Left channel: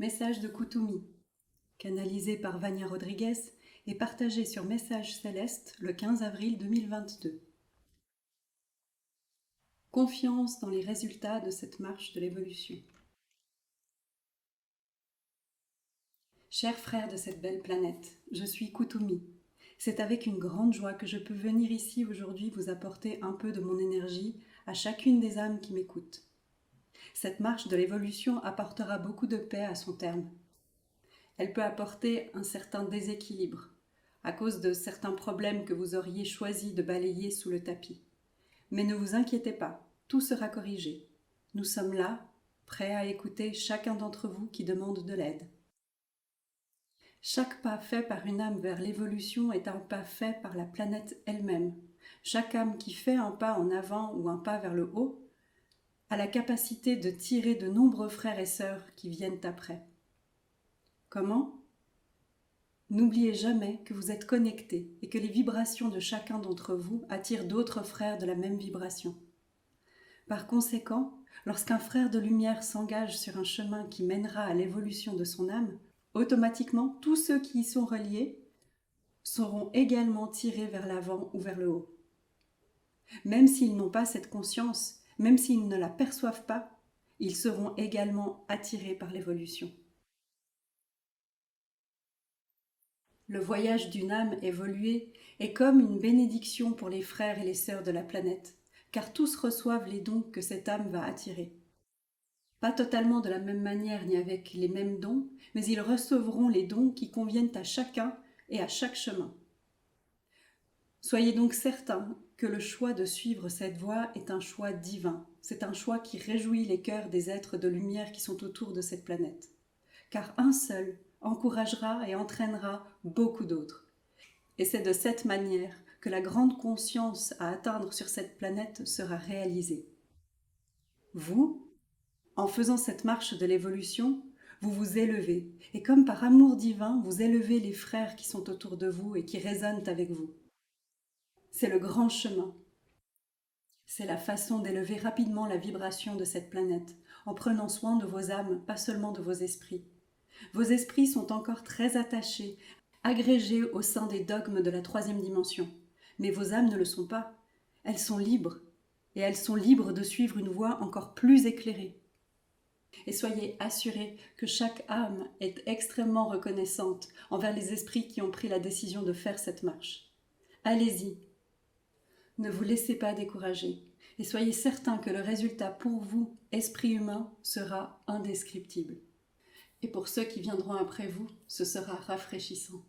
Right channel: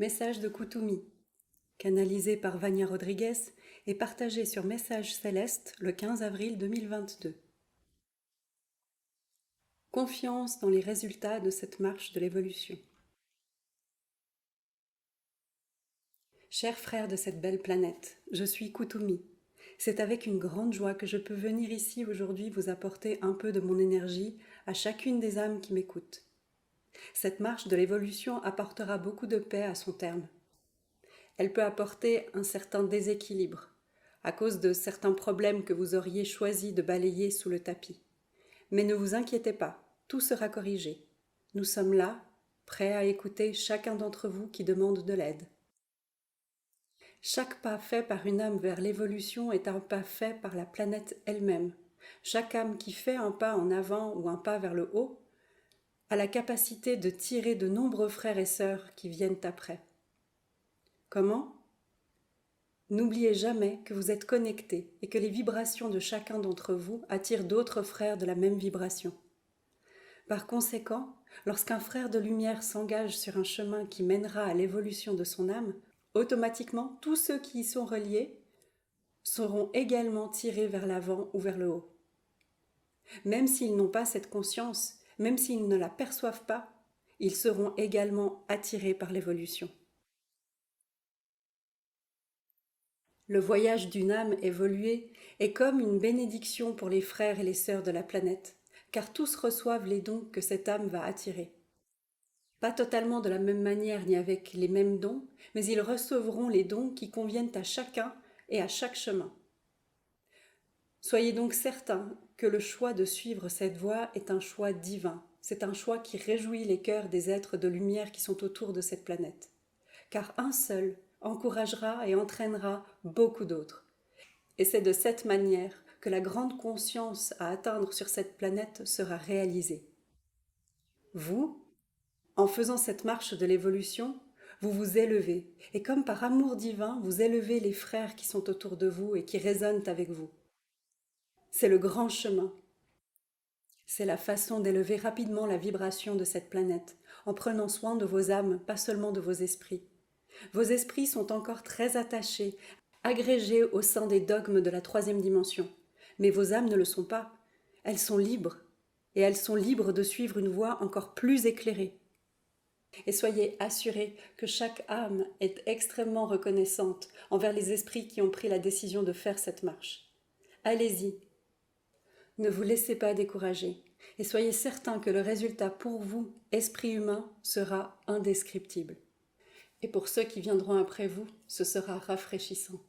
Message de Koutoumi, canalisé par Vania Rodriguez et partagé sur Message Céleste le 15 avril 2022. Confiance dans les résultats de cette marche de l'évolution. Chers frères de cette belle planète, je suis Koutoumi. C'est avec une grande joie que je peux venir ici aujourd'hui vous apporter un peu de mon énergie à chacune des âmes qui m'écoutent. Cette marche de l'évolution apportera beaucoup de paix à son terme. Elle peut apporter un certain déséquilibre, à cause de certains problèmes que vous auriez choisi de balayer sous le tapis. Mais ne vous inquiétez pas, tout sera corrigé. Nous sommes là, prêts à écouter chacun d'entre vous qui demande de l'aide. Chaque pas fait par une âme vers l'évolution est un pas fait par la planète elle-même. Chaque âme qui fait un pas en avant ou un pas vers le haut a la capacité de tirer de nombreux frères et sœurs qui viennent après. Comment ? N'oubliez jamais que vous êtes connectés et que les vibrations de chacun d'entre vous attirent d'autres frères de la même vibration. Par conséquent, lorsqu'un frère de lumière s'engage sur un chemin qui mènera à l'évolution de son âme, automatiquement, tous ceux qui y sont reliés seront également tirés vers l'avant ou vers le haut. Même s'ils n'ont pas cette conscience, même s'ils ne la perçoivent pas, ils seront également attirés par l'évolution. Le voyage d'une âme évoluée est comme une bénédiction pour les frères et les sœurs de la planète, car tous reçoivent les dons que cette âme va attirer. Pas totalement de la même manière ni avec les mêmes dons, mais ils recevront les dons qui conviennent à chacun et à chaque chemin. Soyez donc certains que le choix de suivre cette voie est un choix divin. C'est un choix qui réjouit les cœurs des êtres de lumière qui sont autour de cette planète. Car un seul encouragera et entraînera beaucoup d'autres. Et c'est de cette manière que la grande conscience à atteindre sur cette planète sera réalisée. Vous, en faisant cette marche de l'évolution, vous vous élevez, et comme par amour divin, vous élevez les frères qui sont autour de vous et qui résonnent avec vous. C'est le grand chemin. C'est la façon d'élever rapidement la vibration de cette planète, en prenant soin de vos âmes, pas seulement de vos esprits. Vos esprits sont encore très attachés, agrégés au sein des dogmes de la troisième dimension. Mais vos âmes ne le sont pas. Elles sont libres, et elles sont libres de suivre une voie encore plus éclairée. Et soyez assurés que chaque âme est extrêmement reconnaissante envers les esprits qui ont pris la décision de faire cette marche. Allez-y. Ne vous laissez pas décourager et soyez certains que le résultat pour vous, esprit humain, sera indescriptible. Et pour ceux qui viendront après vous, ce sera rafraîchissant.